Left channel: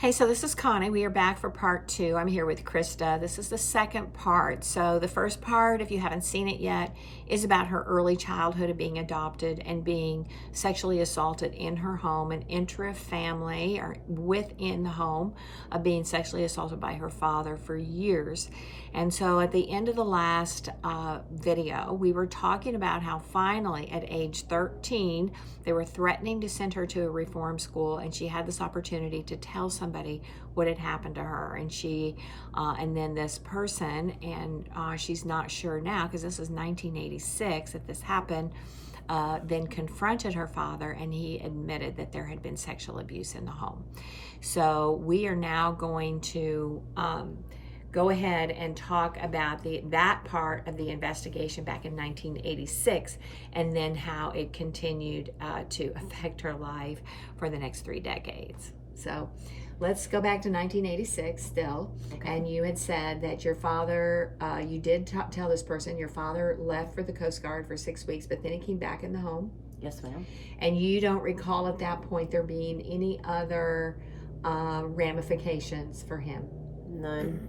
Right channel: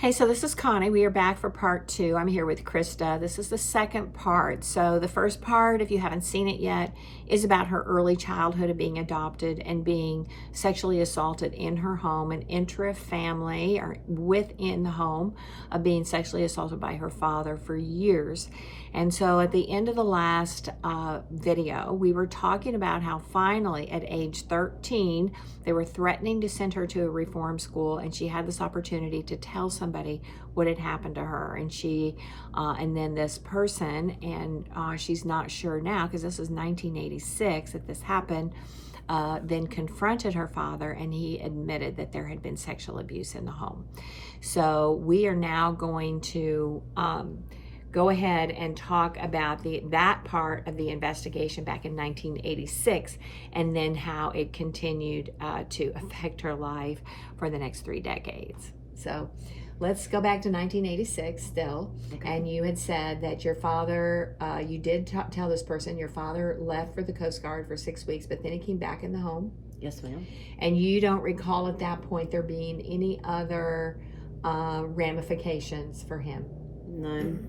Hey, so this is Connie. We are back for part 2. I'm here with Krista. This is the second part. So the first part, if you haven't seen it yet, is about her early childhood of being adopted and being sexually assaulted in her home, an intra-family or within the home of being sexually assaulted by her father for years. And so at the end of the last video, we were talking about how finally at age 13, they were threatening to send her to a reform school, and she had this opportunity to tell somebody what had happened to her. And she, and then this person, and she's not sure now because this is 1986 that this happened, then confronted her father, and he admitted that there had been sexual abuse in the home. So we are now going to go ahead and talk about that part of the investigation back in 1986, and then how it continued to affect her life for the next 3 decades. So let's go back to 1986 still. Okay. And you had said that your father, you did tell this person, your father left for the Coast Guard for 6 weeks, but then he came back in the home. Yes, ma'am. And you don't recall at that point there being any other ramifications for him? None.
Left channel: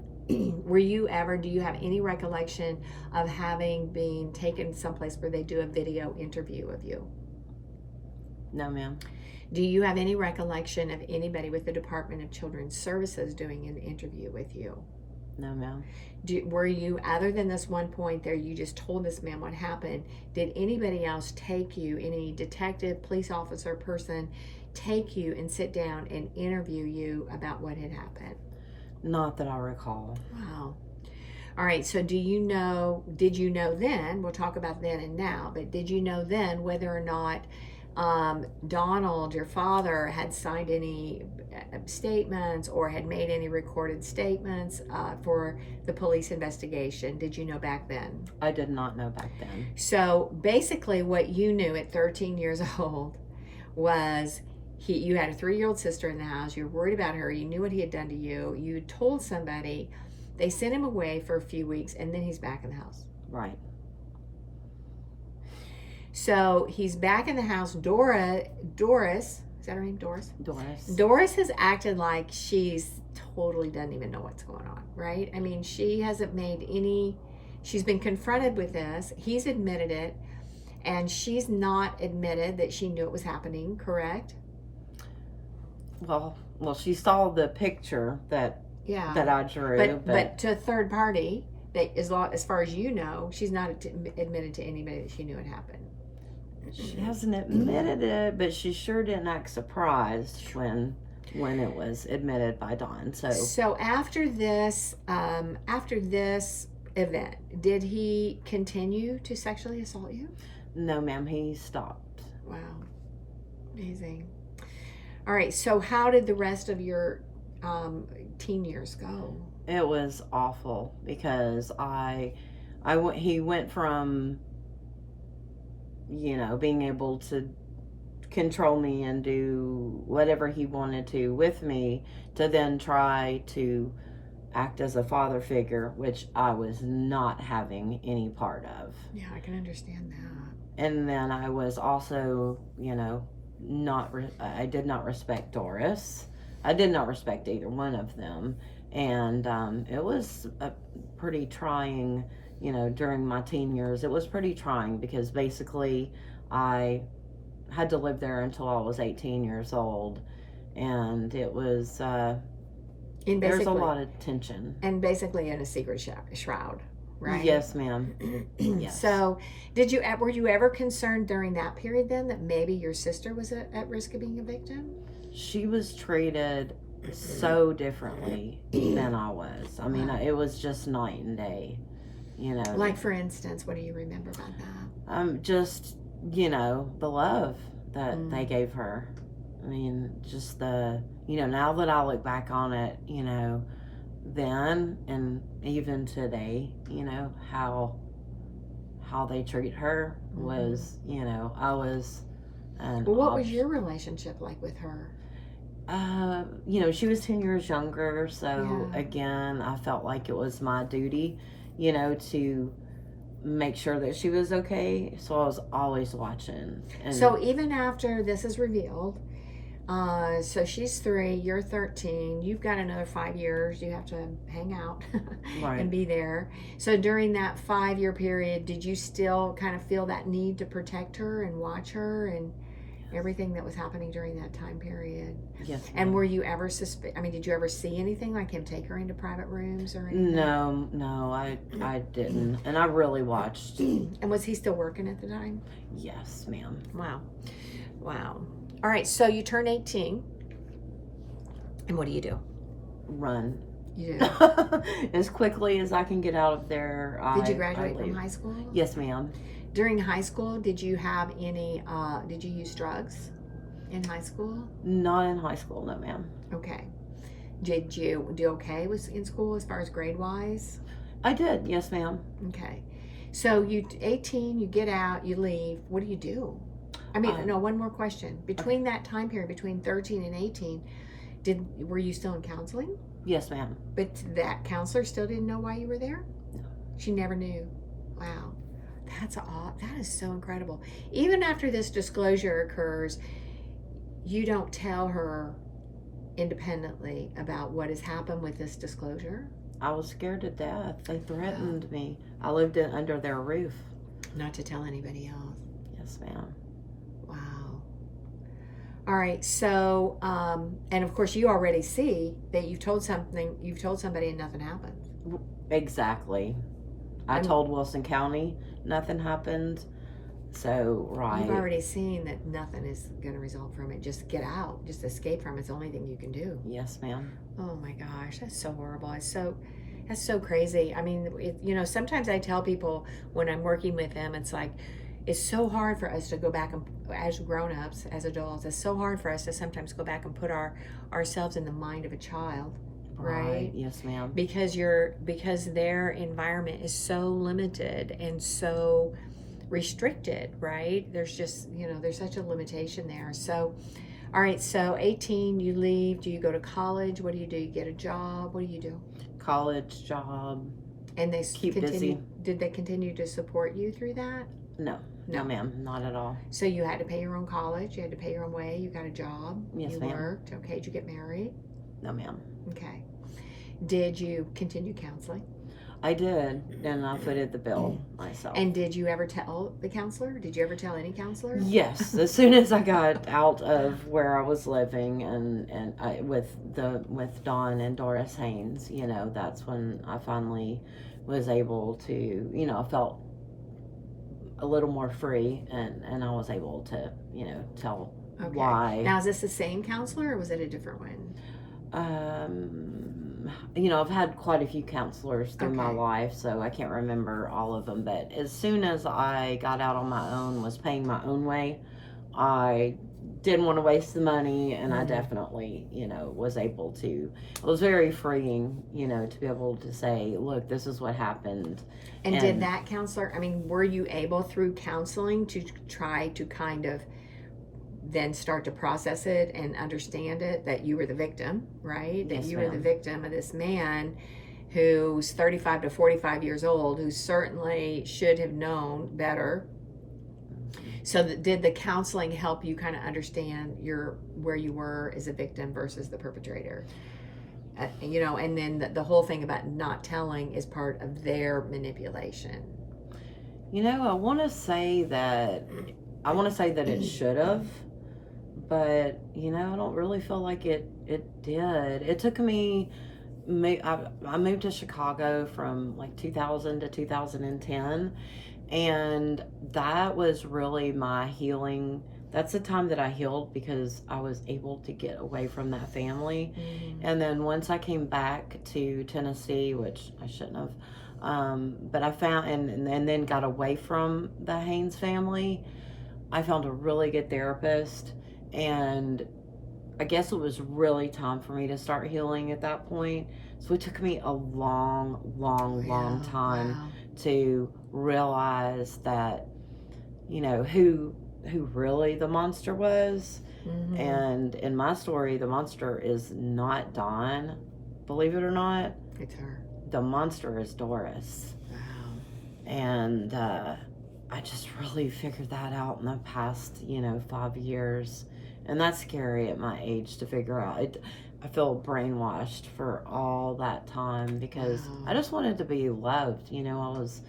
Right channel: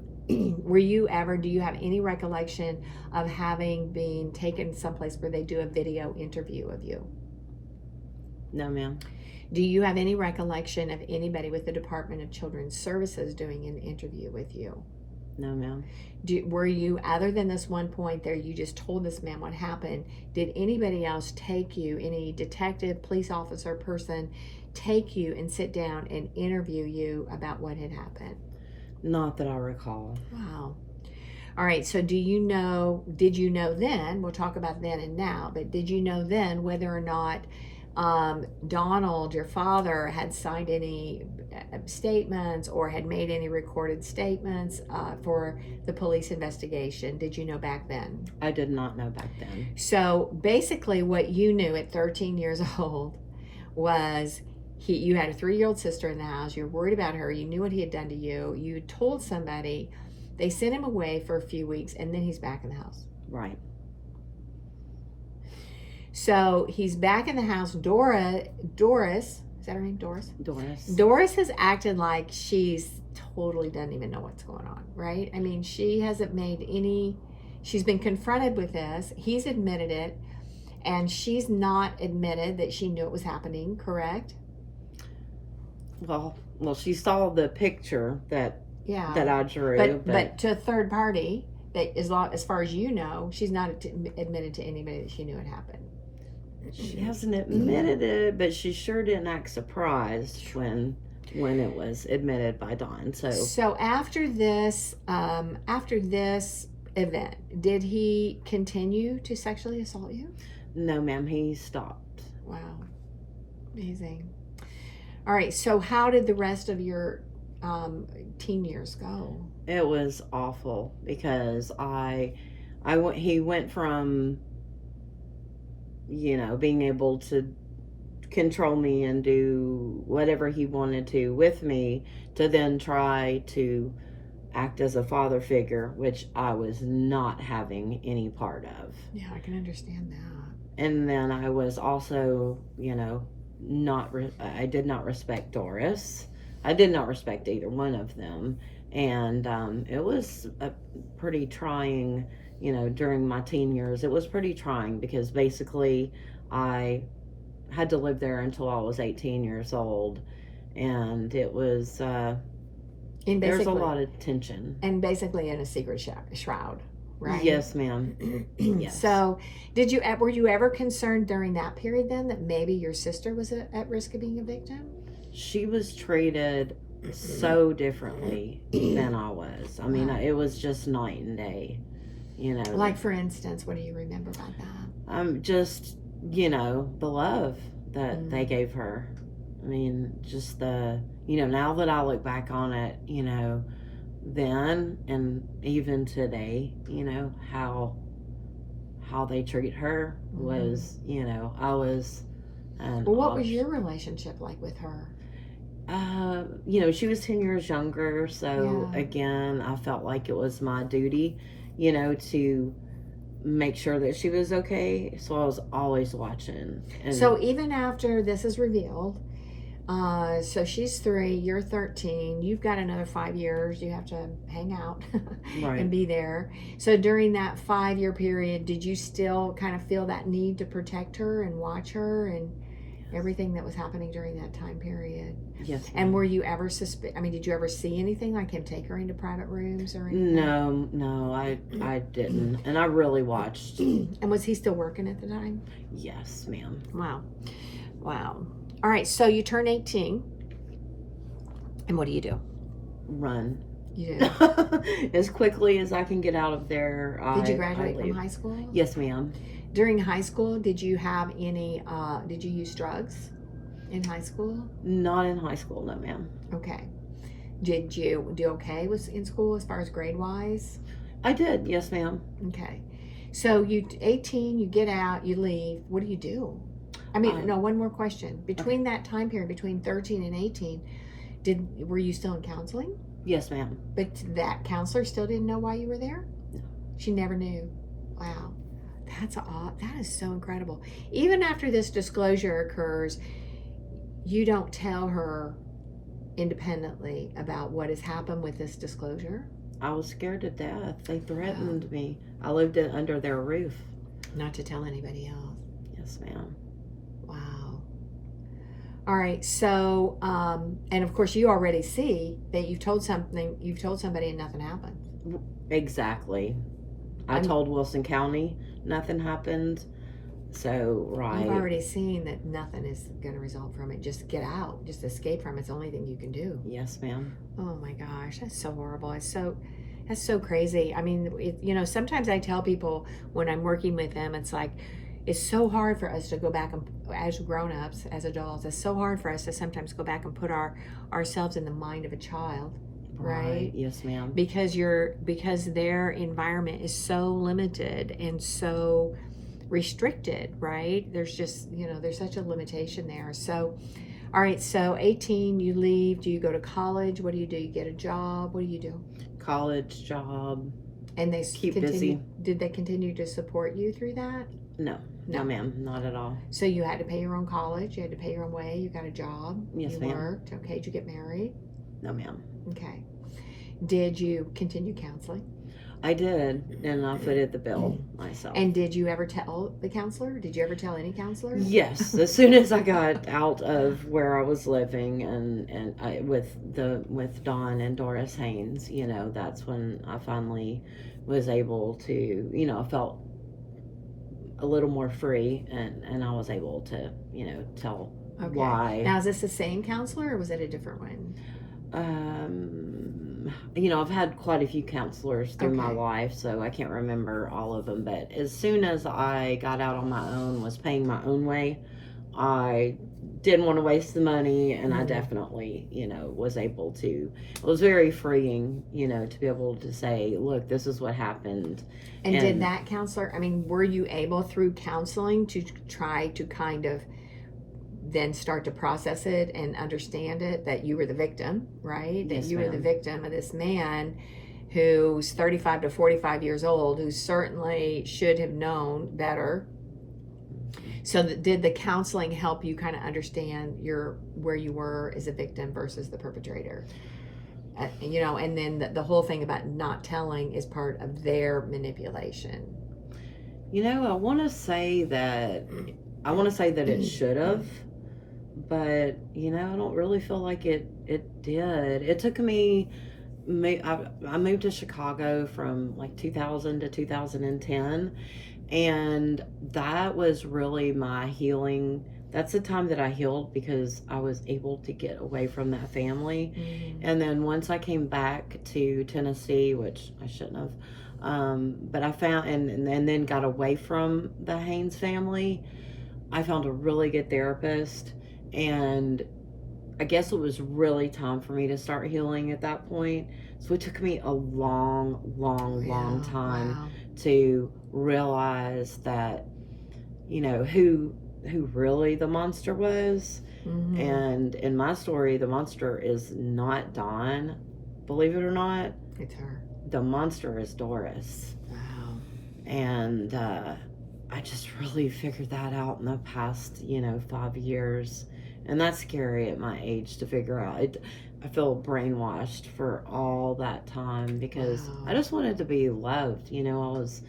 Were you ever, do you have any recollection of having been taken someplace where they do a video interview of you? No, ma'am. Do you have any recollection of anybody with the Department of Children's Services doing an interview with you? No, ma'am. Were you, other than this one point there, you just told this man what happened, did anybody else take you, any detective, police officer, person, take you and sit down and interview you about what had happened? Not that I recall. Wow. All right, so did you know then, we'll talk about then and now, but did you know then whether or not Donald, your father, had signed any statements or had made any recorded statements for the police investigation? Did you know back then? I did not know back then. So basically what you knew at 13 years old was you had a 3-year-old sister in the house, you were worried about her, you knew what he had done to you, you had told somebody, they sent him away for a few weeks, and then he's back in the house. Right. So he's back in the house. Doris, is that her name, Doris? Doris. Doris has acted like she's totally doesn't even know what's going on, right? I mean, she hasn't made any, she's been confronted with this, he's admitted it, and she's not admitted that she knew it was happening, correct? Well, she saw the picture that I drew. But to a third party, that as far as you know, she's not admitted to anybody that she knew it happened. She hasn't admitted it, but she sure didn't act surprised when it was admitted by Don. So after this event, did he continue to sexually assault you? No, ma'am. He stopped. Wow, amazing. All right, so how did the rest of your teen years go? It was awful because he went from, being able to control me and do whatever he wanted to with me, to then try to act as a father figure, which I was not having any part of. Yeah, I can understand that. And then I was also, I did not respect Doris. I did not respect either one of them. And it was a pretty trying, during my teen years, it was pretty trying because basically I had to live there until I was 18 years old. And it was, there's a lot of tension. And basically in a secret shroud, right? Yes, ma'am. Yes. So were you ever concerned during that period then that maybe your sister was at risk of being a victim? She was treated so differently than I was. I mean, it was just night and day, Like, for instance, what do you remember about that? Just, the love that they gave her. I mean, just now that I look back on it, then and even today, how they treat her was, I was... Well, what was your relationship like with her? She was 10 years younger, so again, I felt like it was my duty, to make sure that she was okay. So I was always watching. So even after this is revealed, So she's 3, you're 13. You've got another 5 years. You have to hang out Right. and be there. So during that 5-year period, did you still kind of feel that need to protect her and watch her and everything that was happening during that time period? Yes. And ma'am. were you ever did you ever see anything like him take her into private rooms or anything? No, I didn't, and I really watched. And was he still working at the time? Yes, ma'am. Wow. All right, so you turn 18, and what do you do? Run. You do. As quickly as I can get out of there. Did you graduate from high school? Yes, ma'am. During high school, did you have any, did you use drugs in high school? Not in high school, no, ma'am. Okay. Did you do okay in school as far as grade-wise? I did, yes, ma'am. Okay. So 18, you get out, you leave. What do you do? I mean, no, one more question. Between that time period, between 13 and 18, were you still in counseling? Yes, ma'am. But that counselor still didn't know why you were there? No. She never knew. Wow. That is so incredible. Even after this disclosure occurs, you don't tell her independently about what has happened with this disclosure? I was scared to death. They threatened me. I lived under their roof. Not to tell anybody else. Yes, ma'am. Wow. All right. So, and of course, you already see that you've told somebody and nothing happened. Exactly. I told Wilson County nothing happened. So, right. You've already seen that nothing is going to result from it. Just get out. Just escape from it. It's the only thing you can do. Yes, ma'am. Oh my gosh, that's so horrible. That's so crazy. I mean, sometimes I tell people when I'm working with them, it's like, it's so hard for us to go back and, as grown-ups, as adults, it's so hard for us to sometimes go back and put ourselves in the mind of a child, right? Yes, ma'am. Because their environment is so limited and so restricted, right? There's just, there's such a limitation there. So, all right, so 18, you leave. Do you go to college? What do? You get a job? What do you do? College, job. And they keep busy. Did they continue to support you through that? No, ma'am, not at all. So you had to pay your own college. You had to pay your own way. You got a job. Yes, you ma'am. worked. Okay, did you get married? No, ma'am. Okay. Did you continue counseling? I did, and I footed the bill myself. And did you ever tell the counselor? Did you ever tell any counselor? Yes, as soon as I got out of where I was living, and with Dawn and Doris Haynes, that's when I finally was able to, I felt a little more free, and I was able to, tell why. Now, is this the same counselor, or was it a different one? I've had quite a few counselors through my life, so I can't remember all of them. But as soon as I got out on my own, was paying my own way, I didn't want to waste the money, and I definitely, was able to. It was very freeing, to be able to say, look, this is what happened. And did that counselor, were you able through counseling to try to kind of then start to process it and understand it, that you were the victim, right? That Yes, you were the ma'am. victim of this man who's 35 to 45 years old, who certainly should have known better. So did the counseling help you kind of understand where you were as a victim versus the perpetrator? And then the whole thing about not telling is part of their manipulation. I want to say that it should have, but I don't really feel like it did. It took me. I moved to Chicago from like 2000 to 2010, and that was really my healing. That's the time that I healed, because I was able to get away from that family. And then once I came back to Tennessee, which I shouldn't have, but I found and then got away from the Haynes family, I found a really good therapist, and I guess it was really time for me to start healing at that point. So it took me a long time to realize that, who really the monster was. And in my story, the monster is not Dawn, believe it or not. It's her. The monster is Doris. Wow. And I just really figured that out in the past 5 years, And that's scary at my age to figure out. I feel brainwashed for all that time because Wow. I just wanted to be loved. You know, I was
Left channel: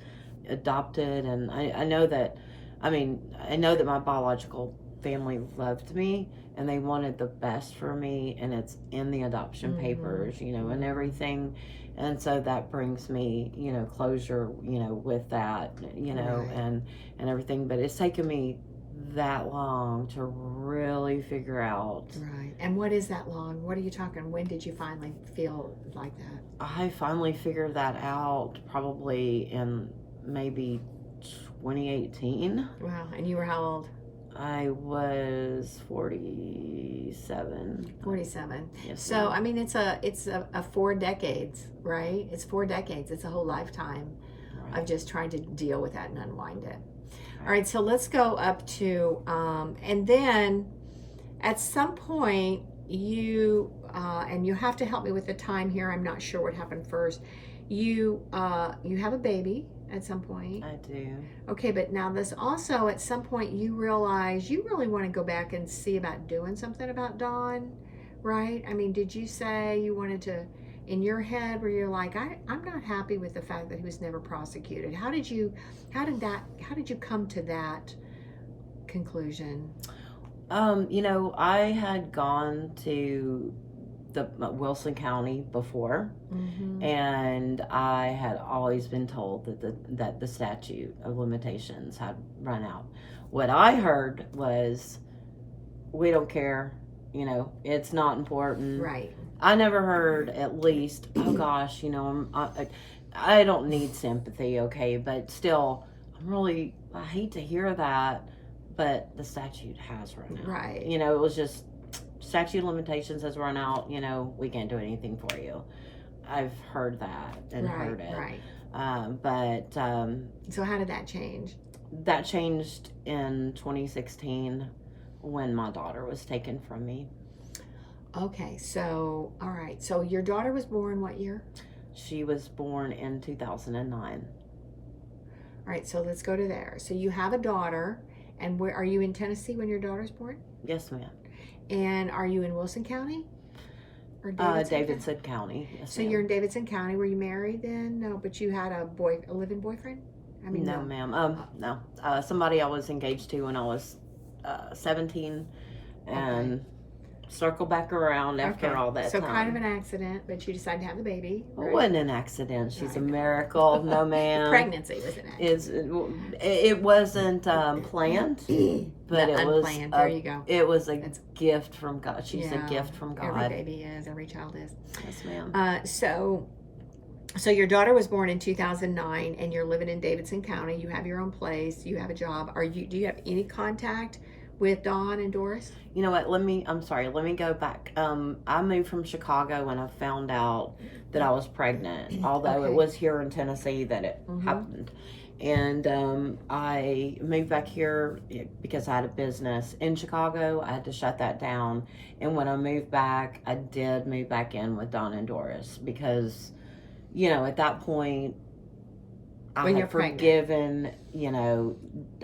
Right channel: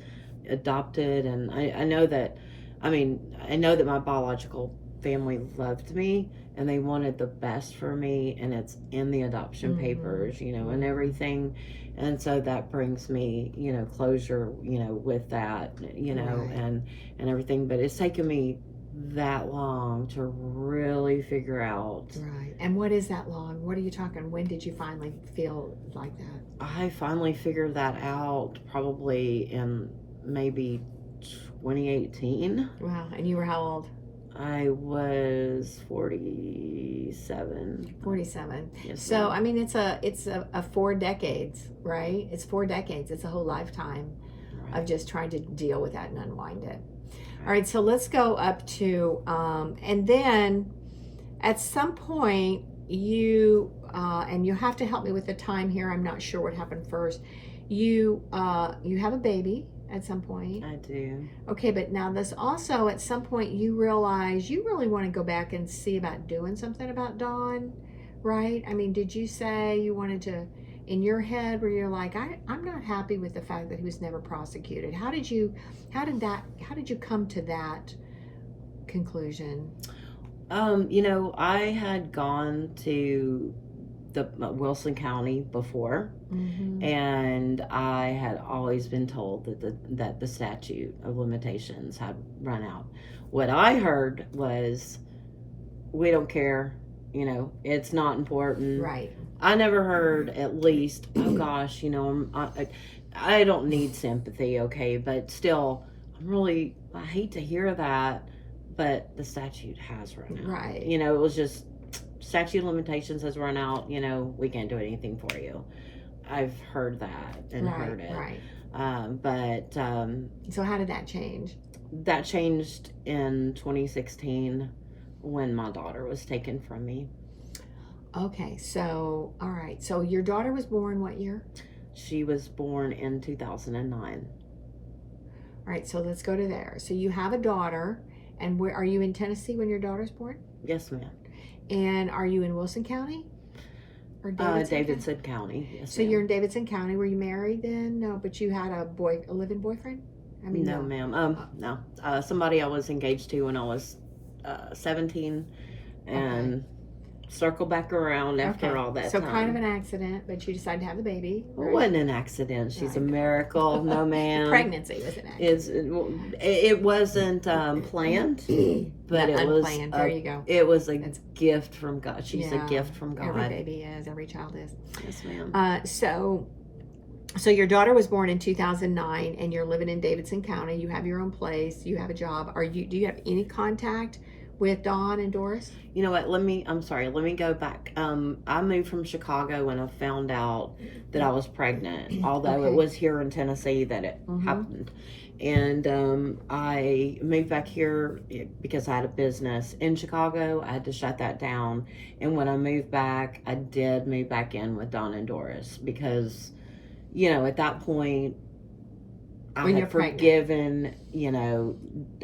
adopted, and I know that, I know that my biological family loved me and they wanted the best for me, and it's in the adoption papers, you know, and everything. And so that brings me, you know, closure, you know, with that, you know, Right. and everything. But it's taken me that long to really figure out. Right. And what is that long? What are you talking? When did you finally feel like that? I finally figured that out probably in maybe 2018. Wow. And you were how old? I was 47. 47. Yes, So ma'am. I mean, it's a 4 decades, right? It's 4 decades. It's a whole lifetime of just trying to deal with that and unwind it. All right, so let's go up to, and then at some point you, and you have to help me with the time here. I'm not sure what happened first. You have a baby at some point. I do. Okay, but now this also at some point you realize you really want to go back and see about doing something about Dawn, right? I mean, did you say you wanted to, in your head, where you're like, I'm not happy with the fact that he was never prosecuted? How did you come to that conclusion? You know, I had gone to the Wilson County before, and I had always been told that the statute of limitations had run out. What I heard was, we don't care, you know, it's not important. Right. I never heard, at least, oh gosh, you know, I don't need sympathy, okay, but still, I hate to hear that, but the statute has run out. Right. You know, it was just, statute of limitations has run out, you know, we can't do anything for you. I've heard that and heard it. Right. So how did that change? That changed in 2016 when my daughter was taken from me. Okay, so, all right. So your daughter was born what year? She was born in 2009. All right, so let's go to there. So you have a daughter, and where are you in Tennessee when your daughter's born? Yes, ma'am. And are you in Wilson County? Or Davidson County. Yes, so you're in Davidson County. Were you married then? No, but you had a live-in boyfriend? I mean, no, ma'am. No. Somebody I was engaged to when I was 17, and circle back around after all that so time. kind of an accident, but you decided to have the baby, right? It wasn't an accident. She's a miracle. No, ma'am. The pregnancy was an accident. It wasn't planned, but it was unplanned. There you go. It was a gift from God. She's a gift from God. Every baby is. Every child is. Yes, ma'am. So your daughter was born in 2009, and you're living in Davidson County. You have your own place. You have a job. Do you have any contact with Dawn and Doris? You know what? Let me go back. I moved from Chicago when I found out that I was pregnant, although it was here in Tennessee that it happened. And I moved back here because I had a business in Chicago. I had to shut that down. And when I moved back, I did move back in with Dawn and Doris because, you know, at that point, When you're forgiven, you know,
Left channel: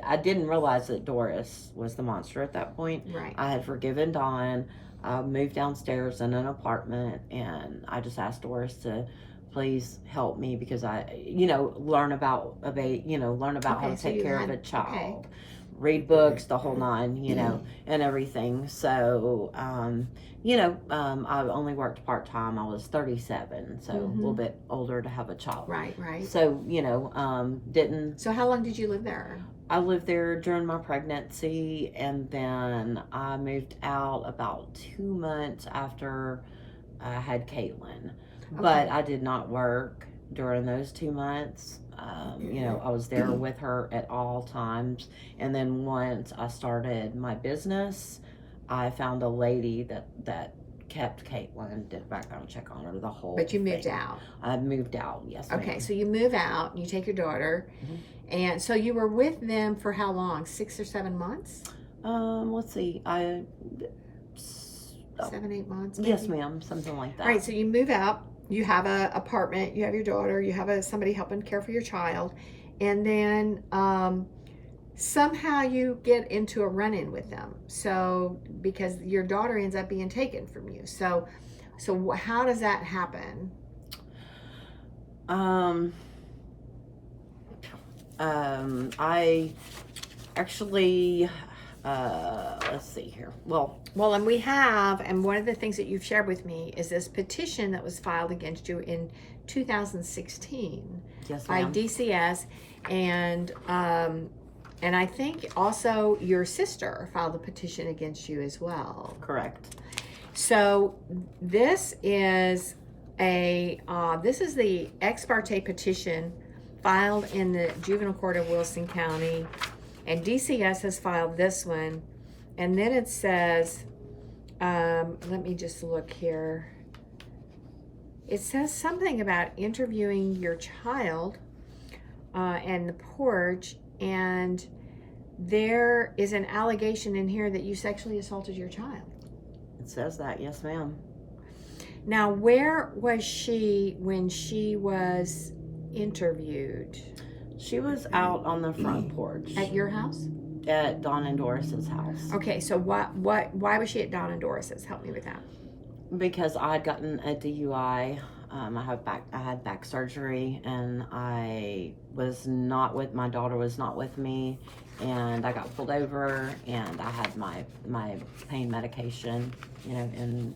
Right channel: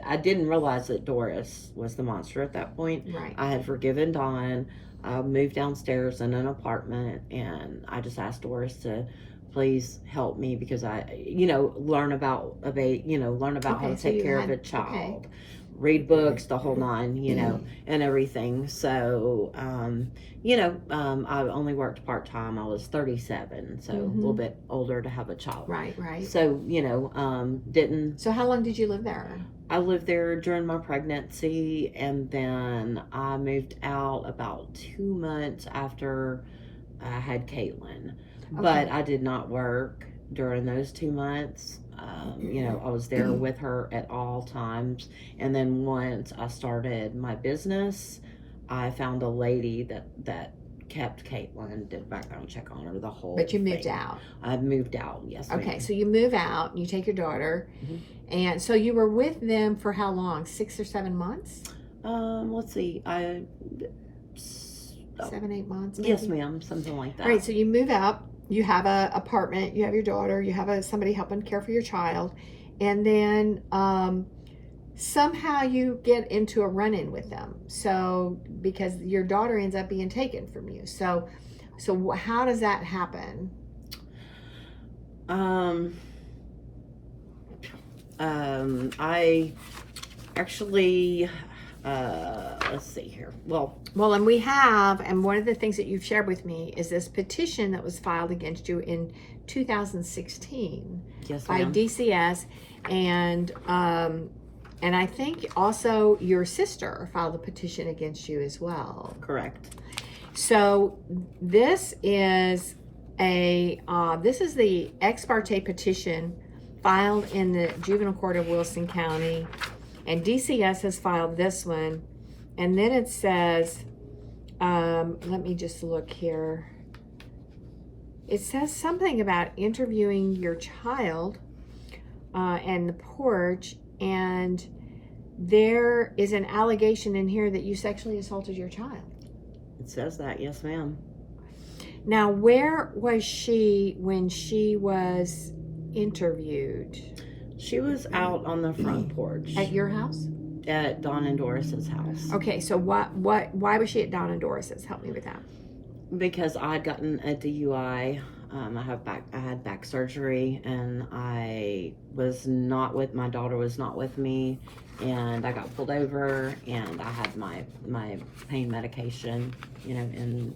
I didn't realize that Doris was the monster at that point. Right. I had forgiven Dawn. I moved downstairs in an apartment, and I just asked Doris to please help me because I, you know, learn about how to take care of a child, read books, the whole nine, you know, and everything. So, you know, I only worked part-time. I was 37, so a little bit older to have a child. Right. So, you know, didn't. So how long did you live there? I lived there during my pregnancy, and then I moved out about 2 months after I had Caitlin. But I did not work during those 2 months. You know, I was there with her at all times. And then once I started my business, I found a lady that kept Caitlin, did a background check on her, the whole But you moved thing. out. I moved out, yes. Okay, ma'am. so you move out, you take your daughter, and so you were with them for how long? 6 or 7 months? Let's see. 7, 8 months, maybe? Yes, ma'am, something like that. All right, so you move out, you have an apartment, you have your daughter, you have somebody helping care for your child, and then somehow you get into a run-in with them. So because your daughter ends up being taken from you. So how does that happen? I actually, let's see here. Well, and we have, and one of the things that you've shared with me is this petition that was filed against you in 2016 yes, by ma'am. DCS, and I think also your sister filed a petition against you as well. Correct. So this is the ex parte petition filed in the Juvenile Court of Wilson County, and DCS has filed this one. And then it says, let me just look here. It says something about interviewing your child and the porch, and there is an allegation in here that you sexually assaulted your child. It says that, yes, ma'am. Now, where was she when she was interviewed? She was out on the front porch. At your house? At Dawn and Doris's house. Okay, so why was she at Dawn and Doris's? Help me with that. Because I had gotten a DUI. I had back surgery, and I was not with, my daughter was not with me, and I got pulled over, and I had my pain medication, in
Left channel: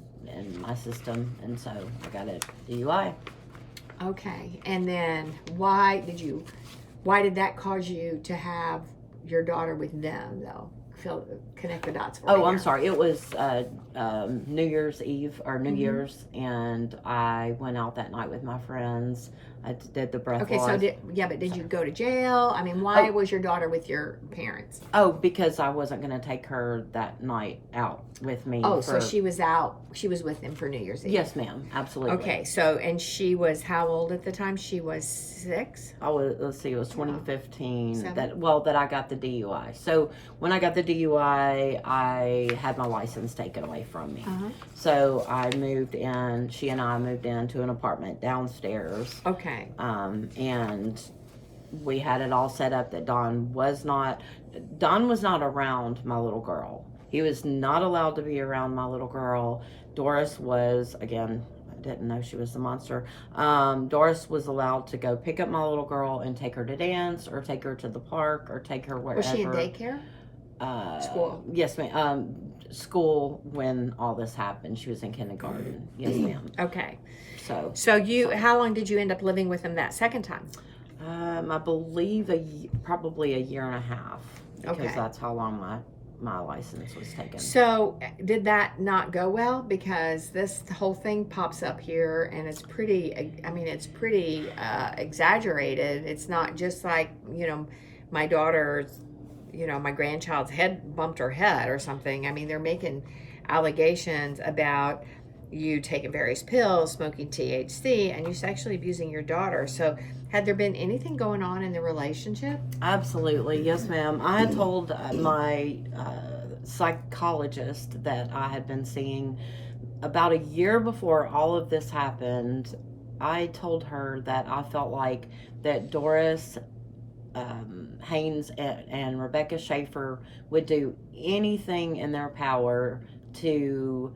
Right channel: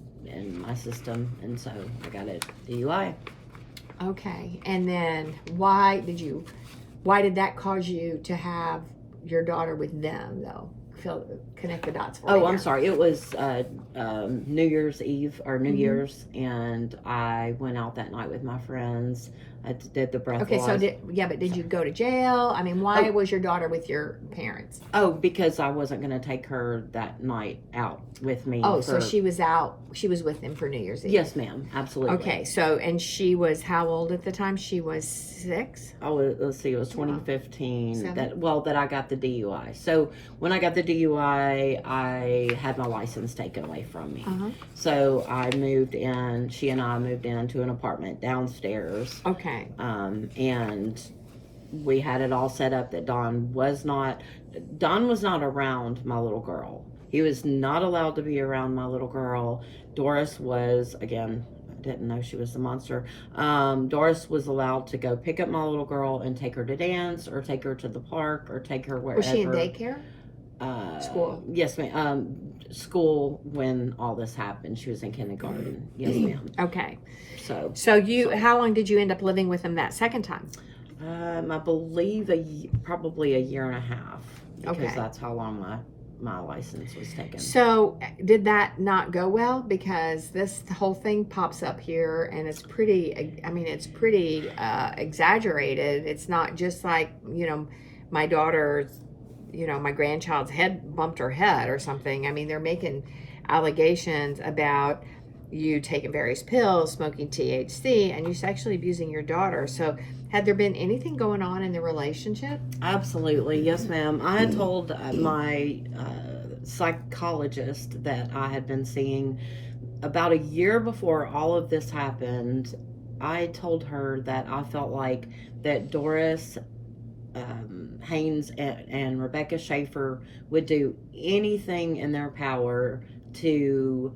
my system, and so I got a DUI. Okay, and then why did that cause you to have your daughter with them, though? Connect the dots for me. Oh, I'm sorry. It was New Year's Eve or New Year's, and I went out that night with my friends. I did the breath. Okay, so did you go to jail? I mean, why was your daughter with your parents? Oh, because I wasn't going to take her that night out with me. Oh, so she was out. She was with them for New Year's Eve. Yes, ma'am. Absolutely. Okay, so and she was how old at the time? She was 6. Let's see. It was 2015 7? that I got the DUI. So when I got the DUI, I had my license taken away from me. So I moved in. She and I moved into an apartment downstairs. Okay. And we had it all set up that Don was not around my little girl. He was not allowed to be around my little girl. Doris was, again, I didn't know she was the monster. Doris was allowed to go pick up my little girl and take her to dance, or take her to the park, or take her wherever. Was she in daycare? School? Yes, ma'am. School when all this happened. She was in kindergarten. Yes, ma'am. Okay. So how long did you end up living with him that second time? I believe probably a year and a half. Because that's how long my license was taken. So did that not go well? Because this whole thing pops up here, and it's pretty, exaggerated. It's not just like, my daughter's, my grandchild's head bumped her head or something. I mean, they're making allegations about you taking various pills, smoking THC, and you sexually abusing your daughter. So had there been anything going on in the relationship? Absolutely. Yes, ma'am. I had told my psychologist that I had been seeing about a year before all of this happened. I told her that I felt like that Doris Haynes and Rebecca Schaefer would do anything in their power to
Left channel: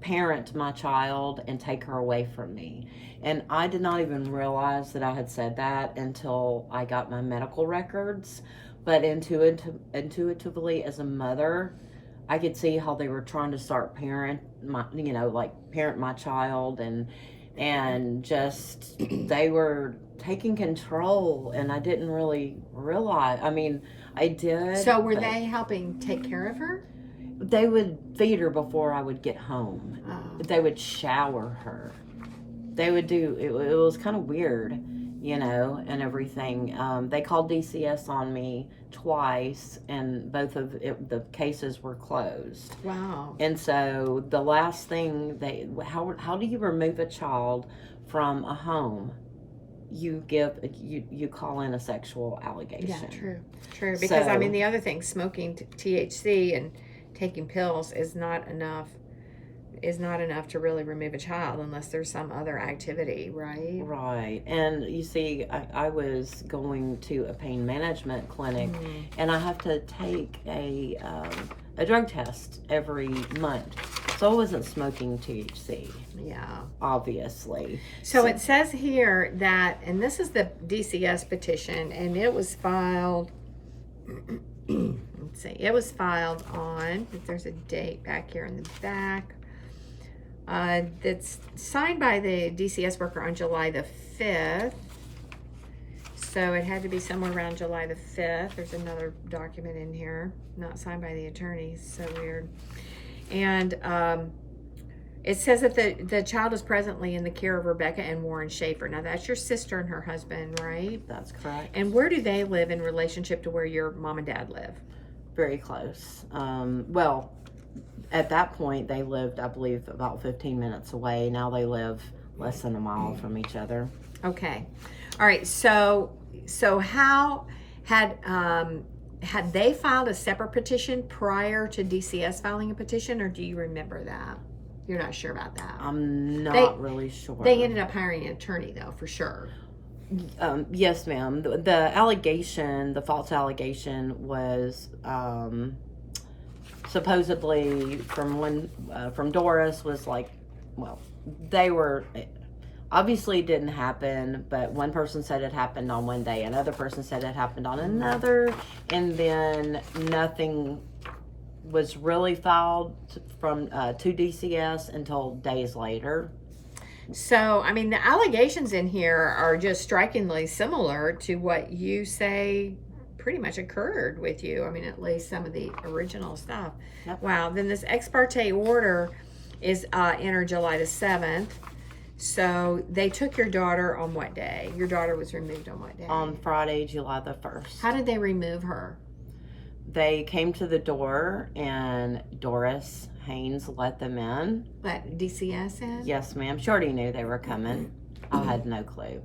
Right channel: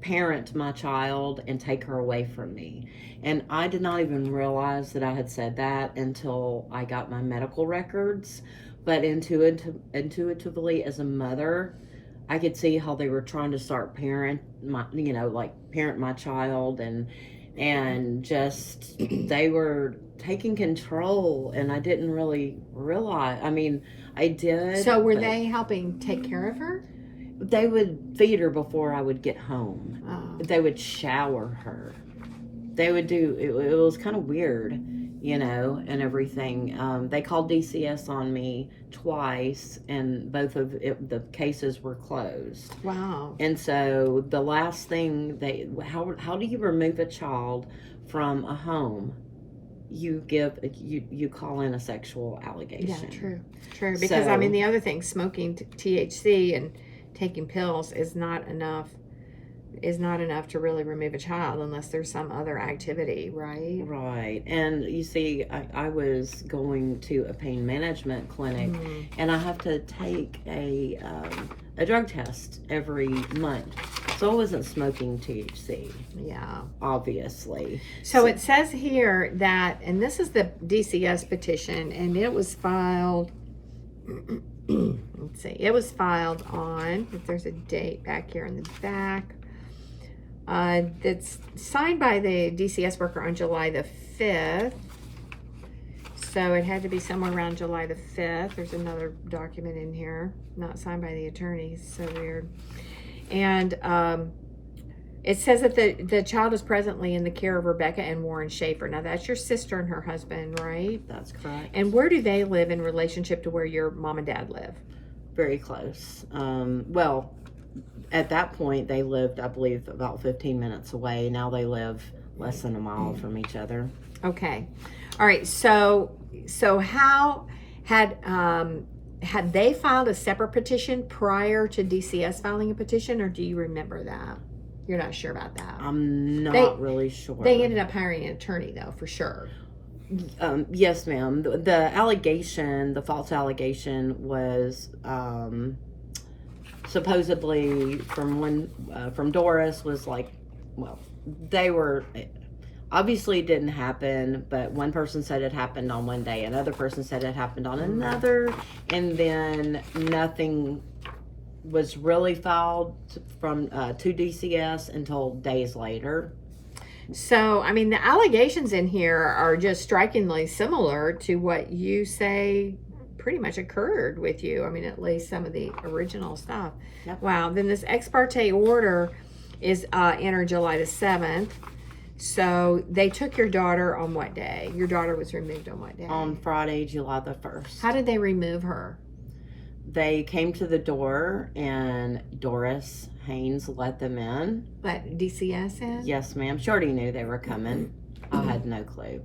parent my child and take her away from me. And I did not even realize that I had said that until I got my medical records. But intuitively, as a mother, I could see how they were trying to start parent my child, and just they were taking control, and I didn't really realize. I mean, I did. So were they helping take care of her? They would feed her before I would get home. Oh. They would shower her. They would do, it was kind of weird, and everything. They called DCS on me twice, and both of the cases were closed. Wow. And so the last thing how do you remove a child from a home? You call in a sexual allegation. Yeah, true. Because the other thing, smoking THC and taking pills is not enough is not enough to really remove a child unless there's some other activity, right? Right. And you see, I was going to a pain management clinic, and I have to take a drug test every month. So I wasn't smoking THC. Yeah. Obviously. So it says here that, and this is the DCS petition, and it was filed, let's see, it was filed on, if there's a date back here in the back, that's signed by the DCS worker on July the 5th. So it had to be somewhere around July the 5th. There's another document in here, not signed by the attorneys, so weird. And it says that the child is presently in the care of Rebecca and Warren Schaefer. Now, that's your sister and her husband, right? That's correct. And where do they live in relationship to where your mom and dad live? Very close. Well, at that point, they lived, I believe, about 15 minutes away. Now they live less than a mile from each other. Okay. All right. So how had they filed a separate petition prior to DCS filing a petition, or do you remember that? You're not sure about that. I'm not really sure. They ended up hiring an attorney, though, for sure. Yes, ma'am. The allegation, the false allegation, was supposedly from Doris was like, well, they were. Obviously, it didn't happen, but one person said it happened on one day, another person said it happened on another, and then nothing was really filed from to DCS until days later. So, I mean, the allegations in here are just strikingly similar to what you say pretty much occurred with you. I mean, at least some of the original stuff. Yep. Wow. Then this ex parte order is entered July the 7th. So they took your daughter on what day? Your daughter was removed on what day? On Friday, July the 1st. How did they remove her? They came to the door and Doris Haynes let them in. Let DCS in? Yes, ma'am. She already knew they were coming. I had no clue.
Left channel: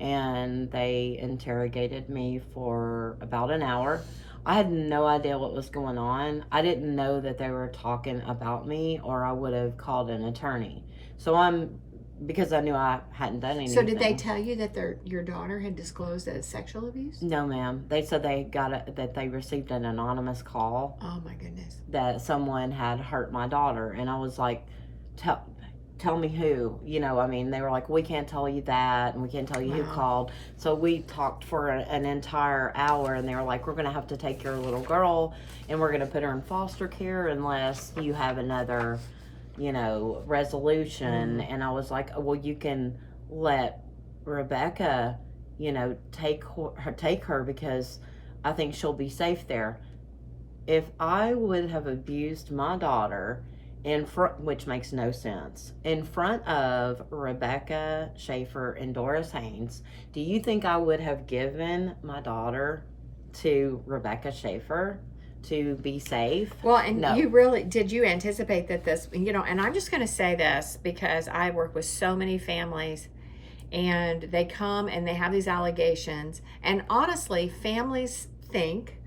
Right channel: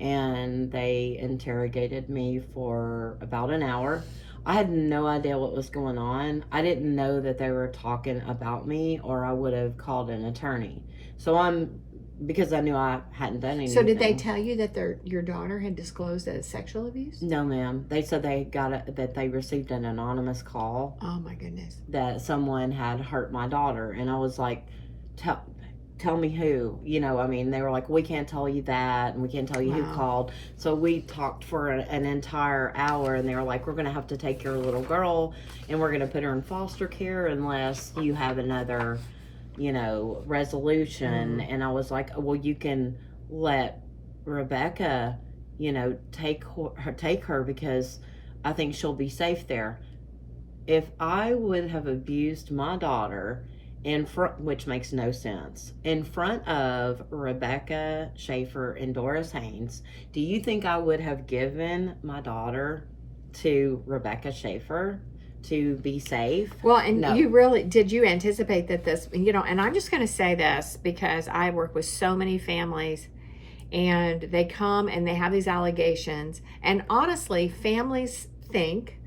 And they interrogated me for about an hour. I had no idea what was going on. I didn't know that they were talking about me, or I would have called an attorney. So because I knew I hadn't done anything. So did they tell you that your daughter had disclosed as sexual abuse? No, ma'am. They said that they received an anonymous call. Oh my goodness. That someone had hurt my daughter, and I was like, tell me who. You know, I mean, they were like, we can't tell you that, and we can't tell you who called. So we talked for an entire hour, and they were like, we're going to have to take your little girl, and we're going to put her in foster care unless you have another, resolution. And I was like, well, you can let Rebecca, take her because I think she'll be safe there. If I would have abused my daughter in front, which makes no sense, in front of Rebecca Schaefer and Doris Haynes, do you think I would have given my daughter to Rebecca Schaefer to be safe? Well, and no. Did you anticipate that this, and I'm just going to say this because I work with so many families, and they come and they have these allegations, and honestly, families think,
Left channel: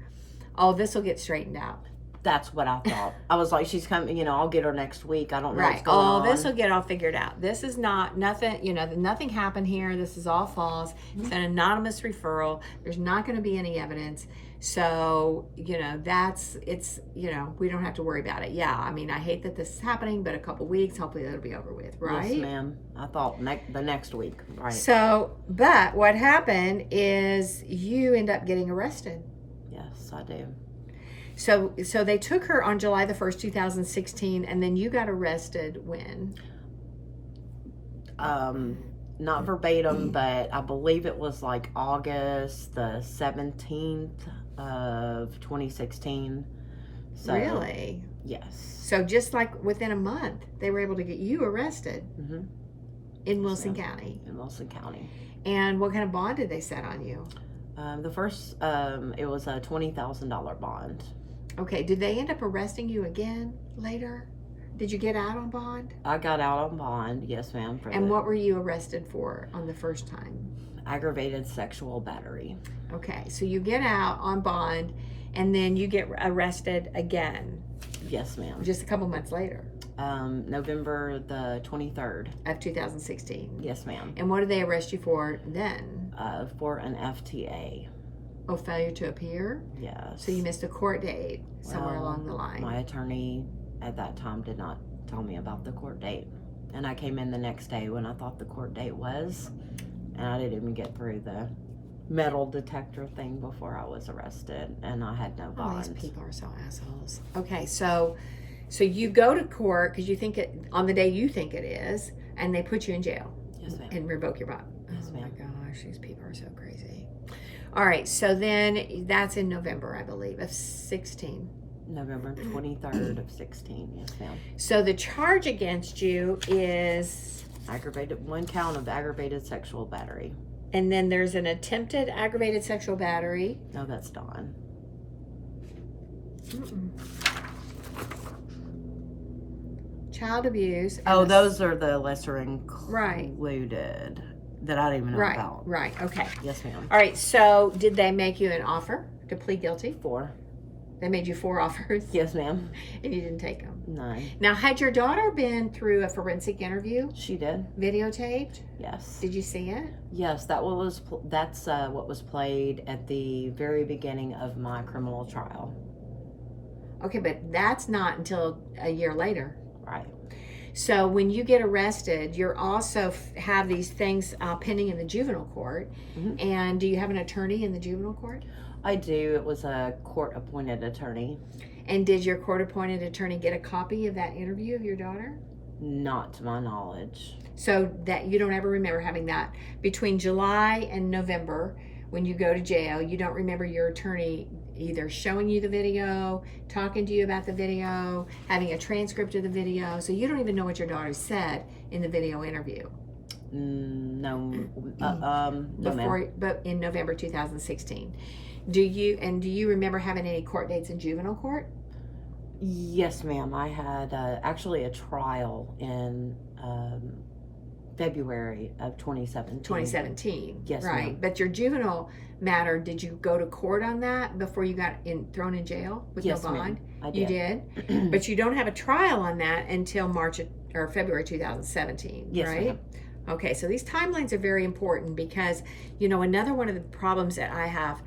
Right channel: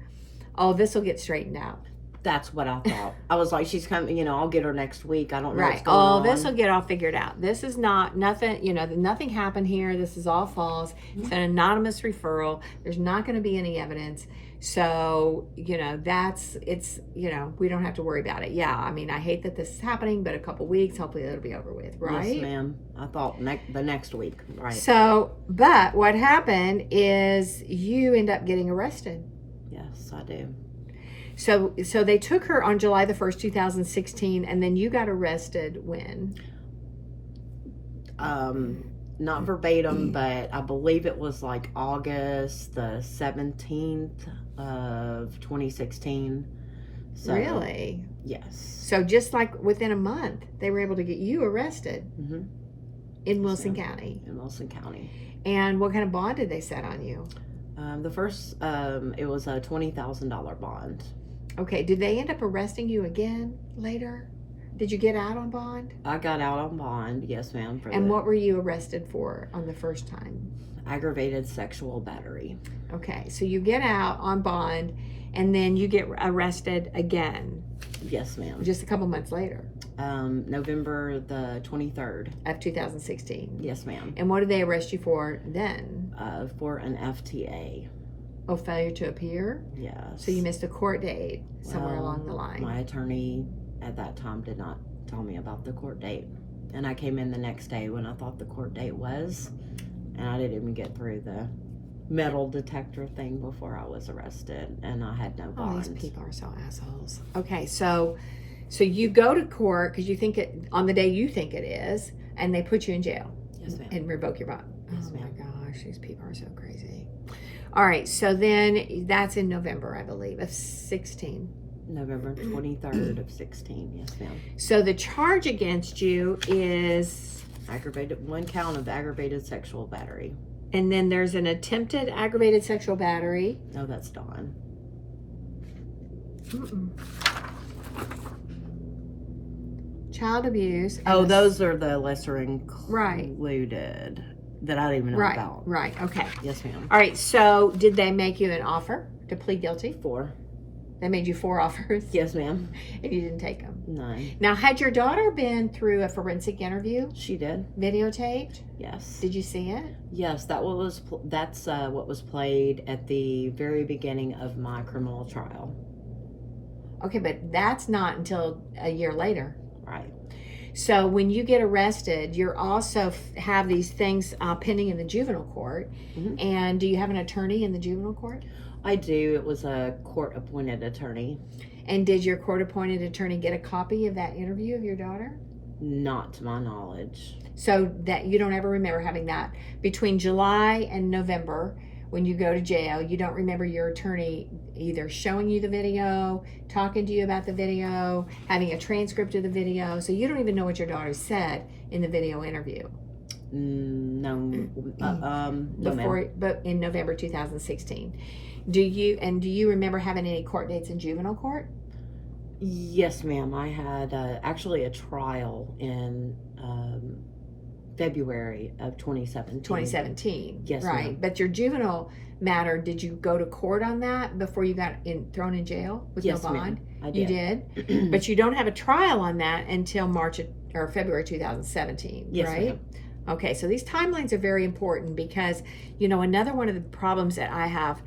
oh, this will get straightened out. That's what I thought. I was like, she's coming, I'll get her next week. I don't know what's Right. going on. This will get all figured out. This is nothing, nothing happened here. This is all false. It's an anonymous referral. There's not going to be any evidence. So, we don't have to worry about it. Yeah, I mean, I hate that this is happening, but a couple weeks, hopefully that'll be over with, right? Yes, ma'am. I thought the next week, right? So, but what happened is you end up getting arrested. Yes, I do. So they took her on July the 1st, 2016, and then you got arrested when? Not verbatim, but I believe it was like August the 17th of 2016. So, really? Yes. So just like within a month, they were able to get you arrested in Wilson County. In Wilson County. And what kind of bond did they set on you? The first, it was a $20,000 bond. Okay. Did they end up arresting you again later? Did you get out on bond? I got out on bond, yes, ma'am. And what were you arrested for on the first time? Aggravated sexual battery. Okay, so you get out on bond, and then you get arrested again. Yes, ma'am. Just a couple months later. November the 23rd. Of 2016. Yes, ma'am. And what did they arrest you for then? For an FTA. Oh, failure to appear? Yes. So you missed a court date somewhere along the line. My attorney at that time did not tell me about the court date. And I came in the next day when I thought the court date was, and I didn't even get through the metal detector thing before I was arrested, and I had no bond. Oh, these people are so assholes. Okay, so you go to court because you think it, on the day you think it is, and they put you in jail. Yes, ma'am. And revoke your bond. Yes, Oh my ma'am. gosh, these people are so crazy. All right, so then that's in November, I believe, of 16. November 23rd of 16, yes, ma'am. So the charge against you is... One count of aggravated sexual battery. And then there's an attempted aggravated sexual battery. No, that's Dawn. Child abuse. Oh, those are the lesser included. Right. That I didn't even know about. Right, okay. Yes, ma'am. All right, so did they make you an offer to plead guilty? 4. They made you 4 offers? Yes, ma'am. And you didn't take them? No. Now, had your daughter been through a forensic interview? She did. Videotaped? Yes. Did you see it? Yes, that's what was played at the very beginning of my criminal trial. Okay, but that's not until a year later. Right. So when you get arrested, you're also have these things pending in the juvenile court. Mm-hmm. And do you have an attorney in the juvenile court? I do. It was a court-appointed attorney. And did your court-appointed attorney get a copy of that interview of your daughter? Not to my knowledge. So that you don't ever remember having that between July and November when you go to jail. You don't remember your attorney either showing you the video, talking to you about the video, having a transcript of the video. So you don't even know what your daughter said in the video interview. No. But in November 2016. Do you remember having any court dates in juvenile court? Yes, ma'am. I had actually a trial in February of 2017. 2017. Yes, right. ma'am. But your juvenile matter, did you go to court on that before you got thrown in jail with Yes, no bond? ma'am. I did. You did? But you don't have a trial on that until February 2017, Yes, right? ma'am. Okay, so these timelines are very important because, another one of the problems that I have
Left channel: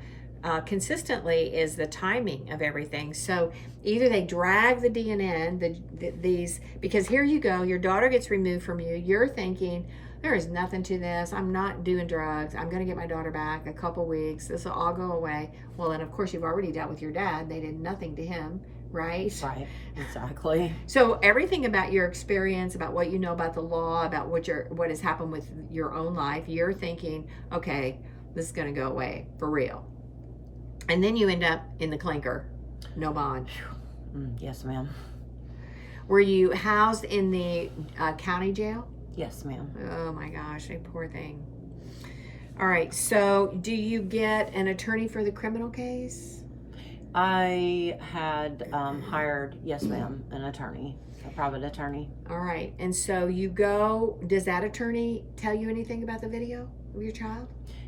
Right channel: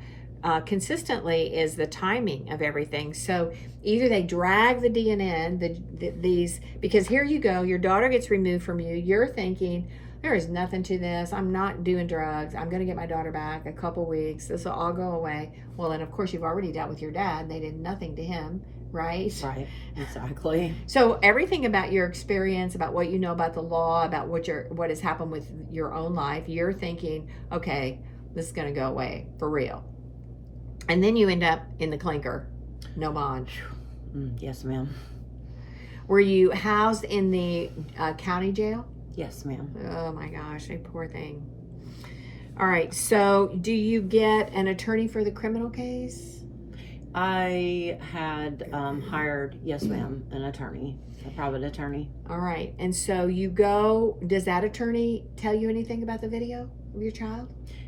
consistently is the timing of everything. So either they drag the DNN, these, because here you go, your daughter gets removed from you, you're thinking, there is nothing to this, I'm not doing drugs, I'm going to get my daughter back a couple weeks, this will all go away. Well, and of course you've already dealt with your dad, they did nothing to him, right? Right, exactly. So everything about your experience, about what you know about the law, about what has happened with your own life, you're thinking, okay, this is going to go away for real. And then you end up in the clinker, no bond. Yes, ma'am. Were you housed in the county jail? Yes, ma'am. Oh my gosh, a poor thing. All right, so do you get an attorney for the criminal case? I had hired, yes, ma'am, an attorney, a private attorney. All right, and so you go, does that attorney tell you anything about the video of your child?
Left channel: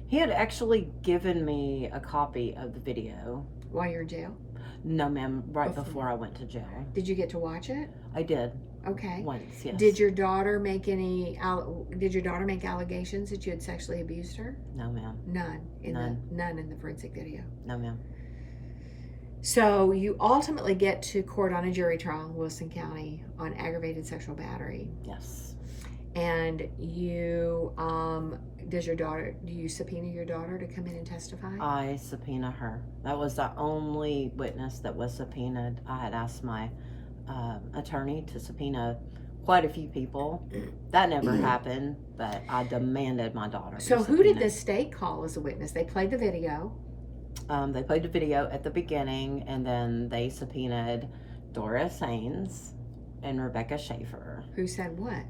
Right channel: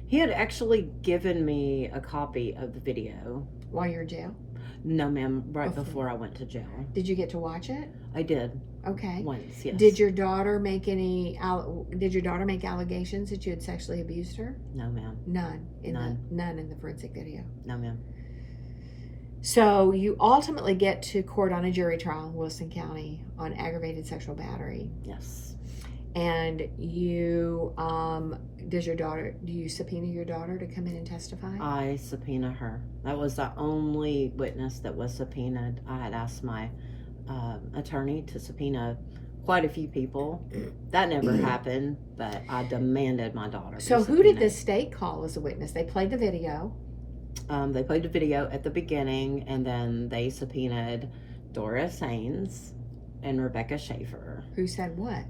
He had actually given me a copy of the video. While you're in jail? No, ma'am, right before I went to jail. Did you get to watch it? I did. Okay. Once, yes. Did your daughter make allegations that you had sexually abused her? No, ma'am. None in the forensic video. No, ma'am. So you ultimately get to court on a jury trial in Wilson County on aggravated sexual battery. Yes. And you, do you subpoena your daughter to come in and testify? I subpoena her. That was the only witness that was subpoenaed. I had asked my attorney to subpoena quite a few people. That never happened, but I demanded my daughter. So who did the state call as a witness? They played the video. They played the video at the beginning, and then they subpoenaed Doris Haynes and Rebecca Schaefer. Who said what?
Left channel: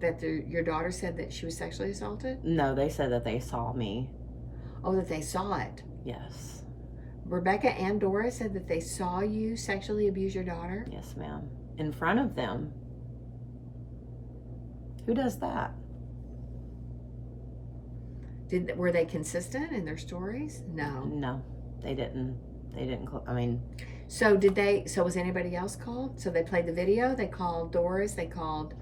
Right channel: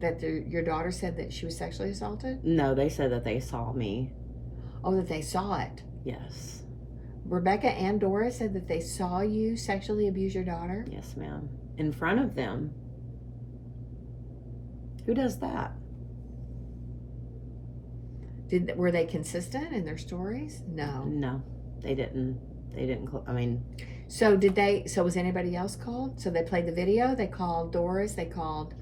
That your daughter said that she was sexually assaulted? No, they said that they saw me. Oh, that they saw it. Yes. Rebecca and Doris said that they saw you sexually abuse your daughter? Yes, ma'am. in front of them. Who does that? Were they consistent in their stories? No. No, they didn't. I mean, so was anybody else called? So they played the video, they called Doris, they called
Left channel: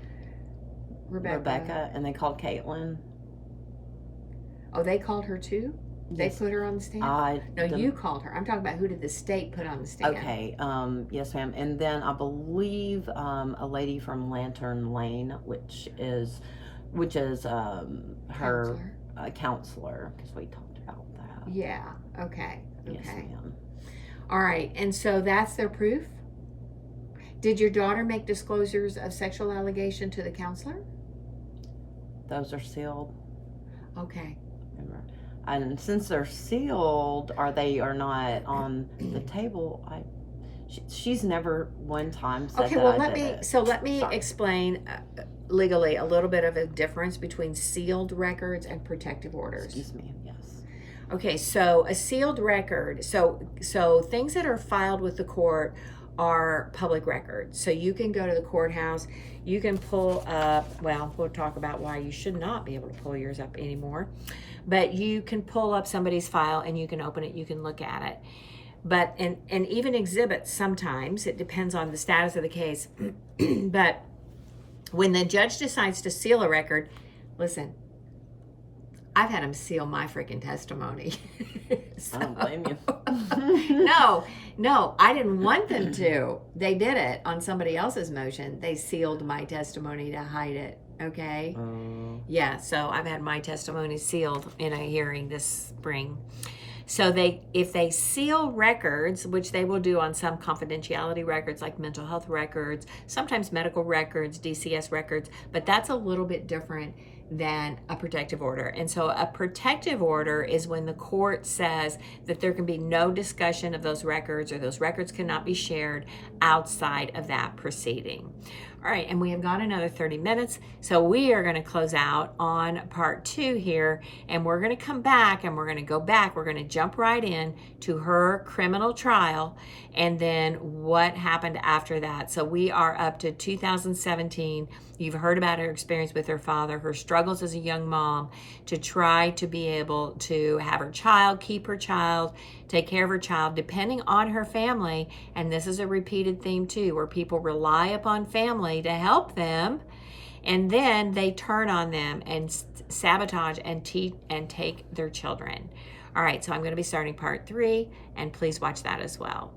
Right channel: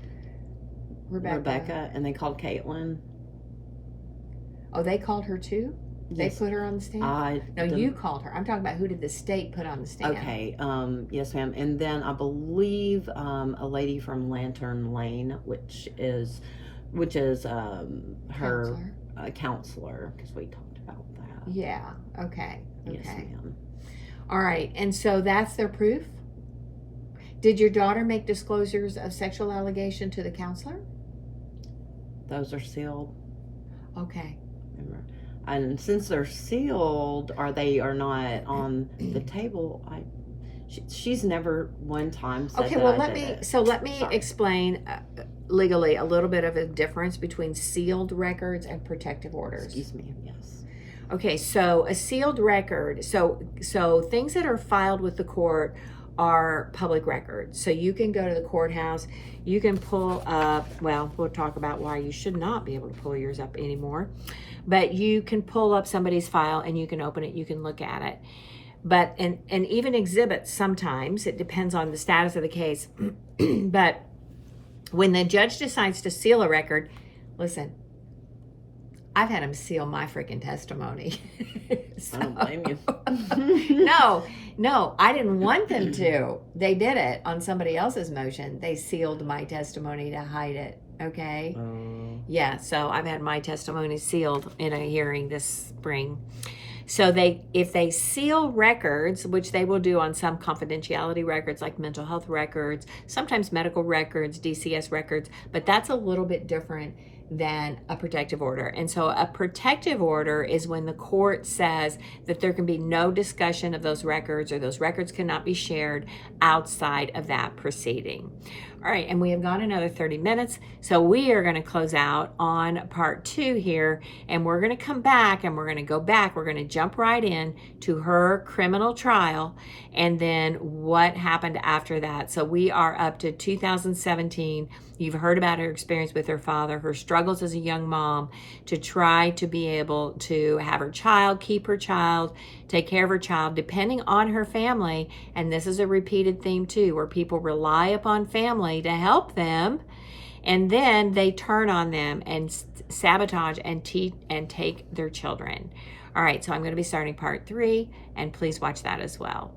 Rebecca, and they called Caitlin. Oh, they called her too? They Yes. put her on the stand? No, you called her. I'm talking about who did the state put on the stand? Okay, yes, ma'am. And then I believe a lady from Lantern Lane, which is her counselor, because we talked about that. Yeah. Okay. Yes, ma'am. All right. And so that's their proof? Did your daughter make disclosures of sexual allegation to the counselor? Those are sealed. Okay. And since they're sealed, are not on the table, she's never one time said okay, well, let me explain legally a little bit of a difference between sealed records and protective orders. Excuse me. Yes. Okay, so a sealed record, so things that are filed with the court are public records. So you can go to the courthouse, you can pull up, well, we'll talk about why you should not be able to pull yours up anymore, but you can pull up somebody's file and you can open it, you can look at it. But, and even exhibits sometimes, it depends on the status of the case, but when the judge decides to seal a record, listen, I've had them seal my freaking testimony. I don't blame you. No, I didn't want them to. They did it on somebody else's motion. They sealed my testimony to hide it. Okay. Yeah. So I've had my testimony sealed in a hearing this spring. So if they seal records, which they will do on some confidentiality records like mental health records, sometimes medical records, DCS records, but that's a little bit different than a protective order. And so a protective order is when the court says that there can be no discussion of those records or those records cannot be shared outside of that proceeding. All right, and we have gone another 30 minutes, so we are going to close out on part 2 here, and we're going to come back and we're going to go back. We're going to jump right in to her criminal trial and then what happened after that. So we are up to 2017. You've heard about her experience with her father, her struggles as a young mom to try to be able to have her child, keep her child, take care of her child, depending on her family. And this is a repeated theme too, where people rely upon family to help them, and then they turn on them and sabotage and take their children. All right, so I'm going to be starting part 3, and please watch that as well.